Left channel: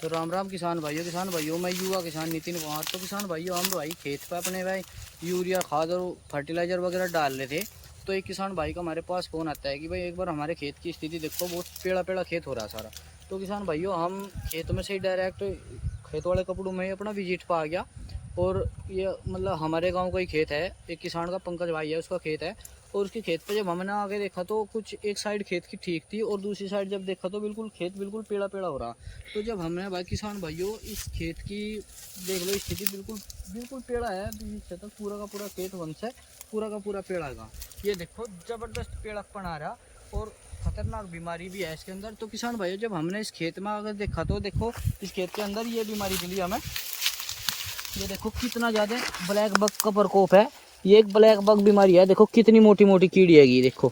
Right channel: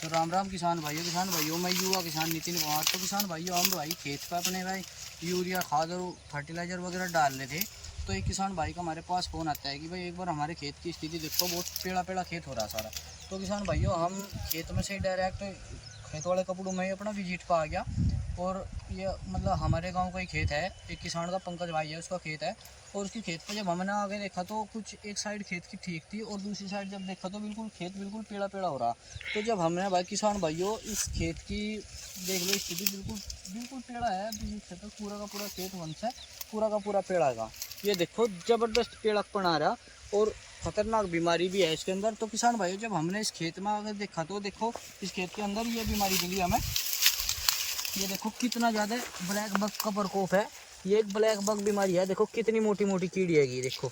तो राम राम किसान भाइयों, मैं युवा किसान नितिन कुमार। तो किसान भाइयों, हम भाई खेत पे अपने भाई यूरिया खाद और फर्टिलाइज़र वगैरह डाल रहे थे। तो एक किसान भाई का हमारे पास फ़ोन आता है कि भाई एक बार हमारे खेत की स्थिति देखो, बहुत पेड़ा पेड़ा खेत हो रहा है सारा। तो किसान भाइयों, हम खेत में से ही डायरेक्ट खेत वाले कपड़ों में ही अपना विजिट पर आ गया। और ये मतलब हमारे गांव का ही खेत है, एक किसान का पंकज भाई है, उसका खेत है। और उसके खेत पे जब हमने आगे देखा तो कुछ एक साइड खेत की ठीक थी और दूसरी साइड जब देखा तो बिल्कुल खेत बिल्कुल पेड़ा पेड़ा हो रहा। तो जब हमने भाई किसान भाइयों इस खेत की देख लो स्थिति, बिल्कुल बिल्कुल पेड़ा है, बीच तक पूरा का पूरा खेत वंश है, पूरा का पूरा पेड़ा का। ये देखो ज़बरदस्त पेड़ापन आ रहा और खतरनाक बीमारी भी है इसके अंदर। तो किसान भाइयों, जब हमने इस खेत में अगर देखा तो देखो इस खेत के अंदर ये बीमारी मिली हमें। ये देखो कितना ज़्यादा ब्लैक बग का प्रकोप है। ये एक ब्लैक बग बीमारी है, देखो कितनी मोटी मोटी कीड़ी है। देखो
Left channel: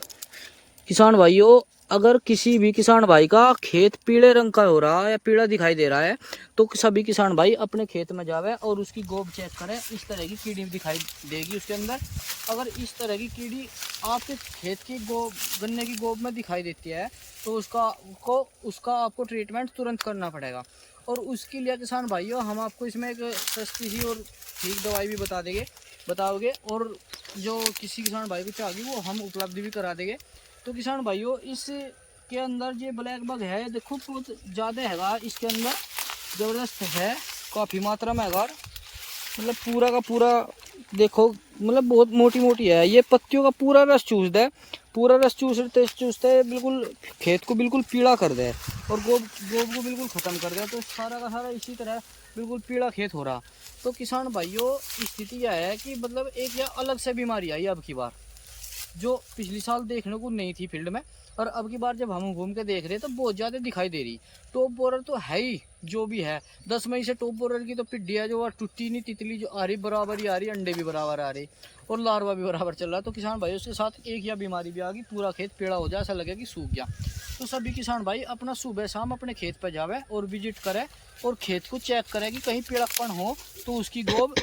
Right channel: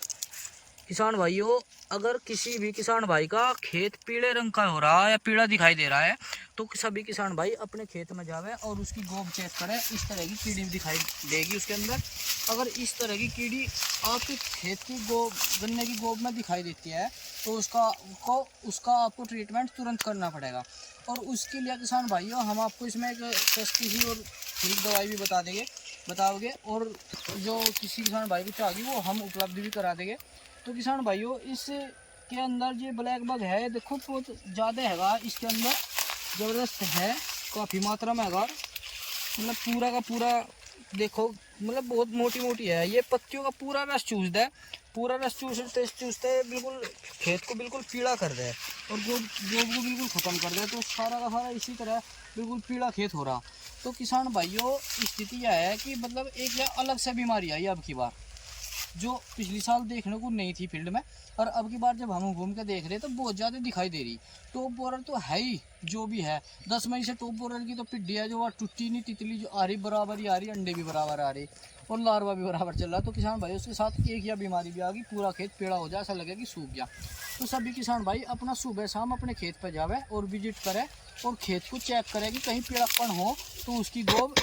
किसान भाइयों, अगर किसी भी किसान भाई का खेत पीले रंग का हो रहा है या पीला दिखाई दे रहा है तो सभी किसान भाई अपने खेत में जावे और उसकी गोब चेक करें। इस तरह की कीड़ी दिखाई देगी उसके अंदर। अगर इस तरह की कीड़ी आपके खेत की गोब, गन्ने की गोब में दिखाई देती है तो उसका आपको ट्रीटमेंट तुरंत करना पड़ेगा। और उसके लिए किसान भाइयों, हम आपको इसमें एक सस्ती सी और ठीक दवाई भी बताओगे और जो किसी किसान भाई को चाहिए वो हम उपलब्ध भी करा देंगे। तो किसान भाइयों, इस के अंदर जो ब्लैक बग है देखो बहुत ज़्यादा हैगा इसके अंदर, ज़बरदस्त है, काफ़ी मात्रा में हैगा। मतलब पूरा का पूरा देखो, मतलब बहुत मोटी मोटी है। ये पत्तियों का पूरा रस चूसता है, पूरा रस चूसता है, बिल्कुल खेत को बिल्कुल पीला कर दे और गोब को बिल्कुल ख़त्म कर दे। तो सारा का सारा इसी तरह बिल्कुल पीला खेत हो रहा। तो किसान भाइयों, स्थिति यह है कि मतलब एक यह अलग से बीमारी आई अब की बार, जो पिछली साल देखने को नहीं थी फील्ड में, और अब की बार जब हम घूम के देख रहे तो बहुत ज़्यादा दिखाई दे रही। टॉप बोरर तो है ही जो भी है, 10 मई से टॉप बोरर की तो पिड्डी है जो टूटी नहीं, तितली जो आ रही बराबर ही आ रही, अंडे भी बराबर आ रही और लार्वा भी बराबर चल रहा। तो किसान भाई उसके साथ एक या बीमारी भी आ गई, पूरा खेत पेड़ा हो जाए, ऐसा लगे कि सूख गया। तो सभी किसान भाई अपना सुबह शाम अपने खेत पर जावे और विजिट करे और खेत को चेक करे कि कहीं पेड़ापन हो तो उसकी गोब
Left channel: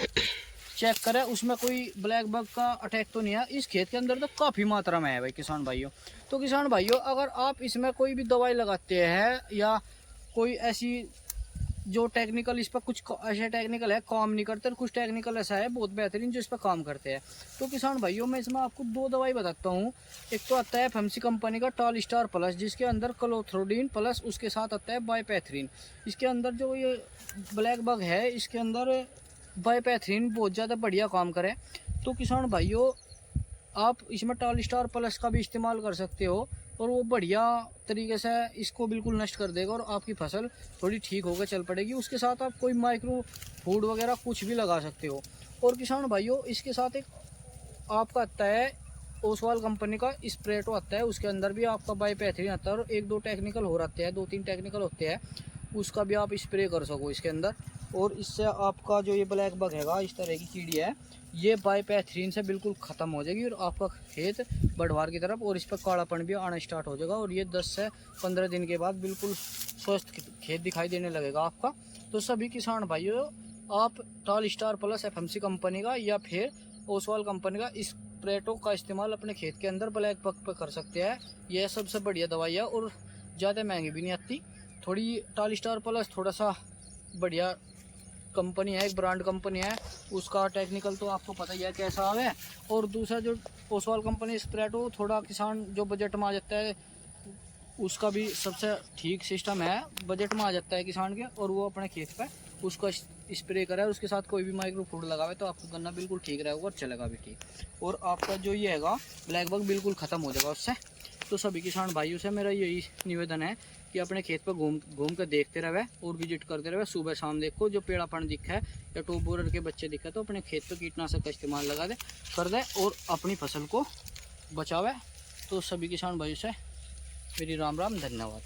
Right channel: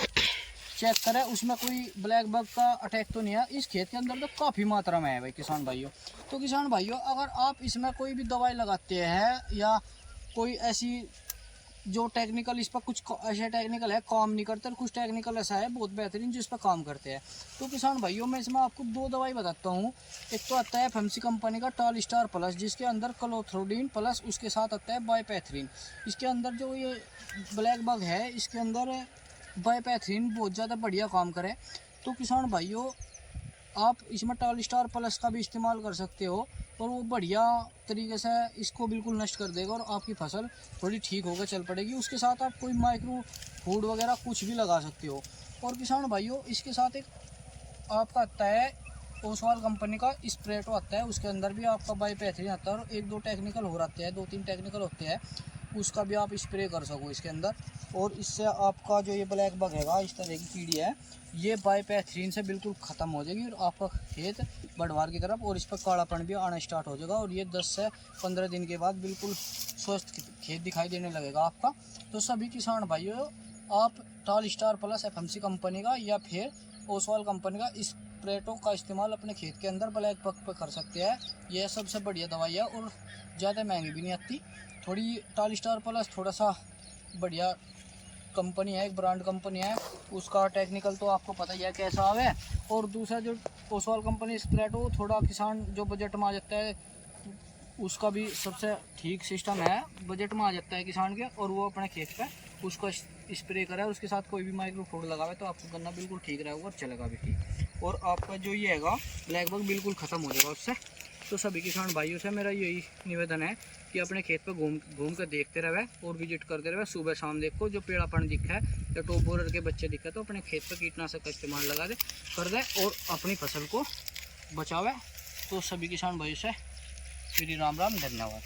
चेक करें, उसमें कोई ब्लैक बग का अटैक तो नहीं है। इस खेत के अंदर तो काफ़ी मात्रा में है भाई किसान भाइयों। तो किसान भाइयों, अगर आप इसमें कोई भी दवाई लगाते हैं या कोई ऐसी जो टेक्निकल इस पर कुछ ऐसे टेक्निकल है काम नहीं करते और कुछ टेक्निकल ऐसा है बहुत बेहतरीन जो इस पर काम करते हैं। तो किसान भाइयों, मैं इसमें आपको 2 दवाई बताता हूँ। एक तो आता है FMC कंपनी का टॉल स्टार प्लस, जिसके अंदर क्लोथ्रोडिन प्लस उसके साथ आता है बाइपैथरीन। इसके अंदर जो ये ब्लैक बग है इसके अंदर बाइपैथरीन बहुत ज़्यादा बढ़िया काम करे। तो किसान भाइयों, आप इसमें टॉल स्टार प्लस का भी इस्तेमाल कर सकते हो और वो बढ़िया तरीके से इसको बिल्कुल नष्ट कर देगा और आपकी फसल थोड़ी ठीक होकर चल पड़ेगी। उसके साथ आप कोई माइक्रो फूड वगैरह कुछ भी लगा सकते हो। और किसान भाइयों, इसके साथ एक आपका आता है ओसवाल कंपनी का स्प्रेटो आता है, उसके अंदर भी आपका बाइपैथरीन आता है और 1-2 टेक्निकल हो रहते हैं, 2-3 टेक्निकल होते हैं, उसका भी आप स्प्रे कर सको इसके अंदर। और इससे आपका जो ये ब्लैक बग हैगा, इस तरह की कीड़ी है, ये बाइपैथरीन से बिल्कुल ख़त्म हो जाएगी और आपका खेत बढ़वार की तरफ और इस पर कालापन भी आना स्टार्ट हो जाएगा और ये 10 से 15 दिन के बाद बिल्कुल स्वस्थ खेत दिखाई देने लगेगा आपका। तो सभी किसान भाइयों, आप tall star plus FMC company का या फिर ओसवाल कंपनी का स्प्रेटो का इस्तेमाल अपने खेत के अंदर ब्लैक बग पर कर सकते हैं। यह सबसे बढ़िया दवाई है और ज़्यादा महंगी भी नहीं आती। थोड़ी टॉल स्टार प्लस थोड़ा सा बढ़िया कंपनी है, एक ब्रांड कंपनी है, उसका टेक्निकल तो आपको पता ही है कैसा आवे। और दूसरा जो ओसवाल कंपनी स्प्रेटो, थोड़ा किसान जो बजट में आ जाता है उसका भी सबसे ठीक सिस्टम है, बजट में आ जाता है किसान के और वो अपने खेत पे उसको स्प्रे करे, उसके साथ कोई भी माइक्रो फूड लगावे तो आपका गन्ना बिल्कुल ठीक रहेगा और चलेगा भी ठीक, और आपका जो ये हैगा ब्लैक बग बिल्कुल ख़त्म हो जाएगा उससे। तो सभी किसान भाइयों से मेरा यही निवेदन है कि अपने खेत पर घूम कर देखते रहे और विजिट करते रहे, सुबह शाम देखो जो पेड़ापन दिखा है या टॉप बोरर के बच्चे दिखे तो अपने खेत पर कीटनाशक का इस्तेमाल कर दे और अपनी फसल को बचावे। तो सभी किसान भाइयों से मेरी राम राम, धन्यवाद।